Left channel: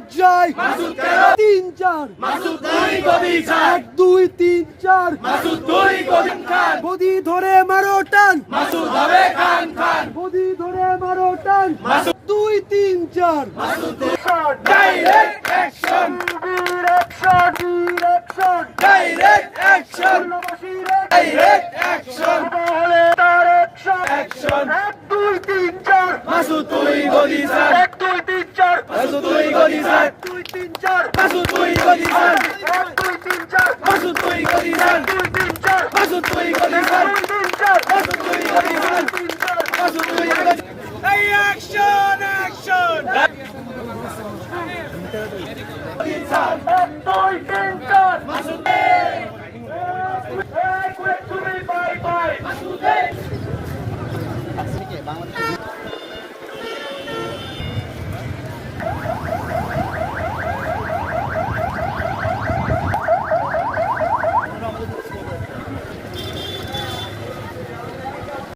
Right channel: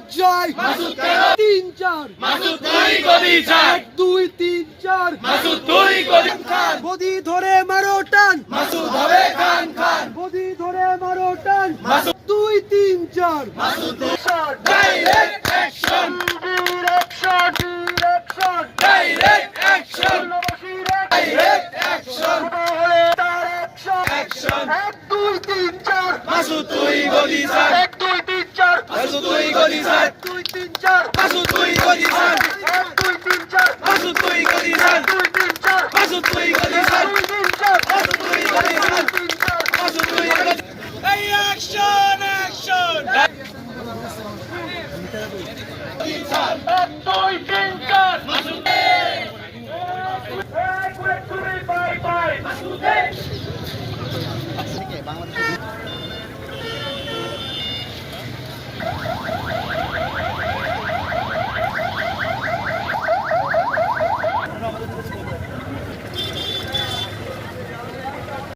লজ্জায় তিন চার দুই তিন চার গদি ধরে মারো টান গদি ধরে মারো টান দুই তিন চার এক দুই তিন চার তুই গদি স্যার এক দুই তিন চার তুই গদি স্যার দুই তিন চার তুই গদি স্যার এক দুই তিন চার তুই গদি স্যার দুই তিন চার তুই গদি স্যার দুই তিন চার তুই গদি স্যার তিন চার তুই গদি এই অ্যাকশন অ্যাকশন এক দুই তিন চার বাই বাই